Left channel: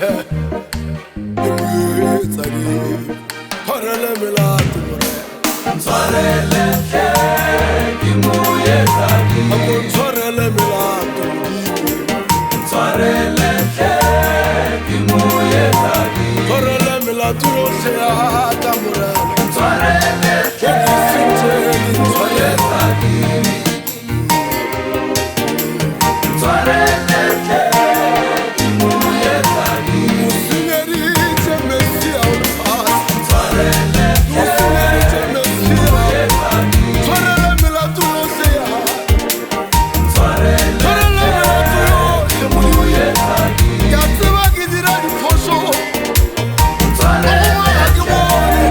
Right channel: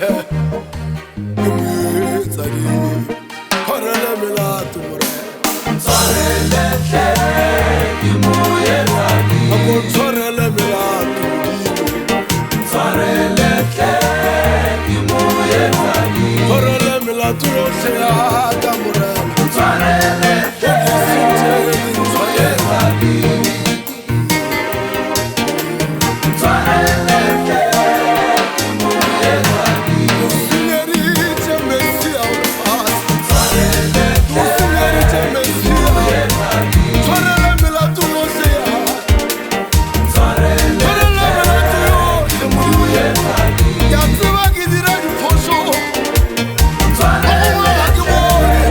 yohle Imuetsa di Tshwarele melato more Tshwarele hle Imuetsa di Ako tshwarele melato modimo Tshwarele hle Imuetsa di Tshwarele melato yohle ya ka morena Tshwarele hle Imuetsa di Tshwarele hle Imuetsa di Usingeritse Mesia ulefasi Tshwarele hle Usingeritse Mesia Imuetsa di Tshwarele melato yohle ya Tshwarele Tshwarele melato yohle modimo Imuetsa di Ke a tseba ke dira diphoso Tshwarele Gongwe ga ke bone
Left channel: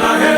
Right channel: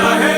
Anahe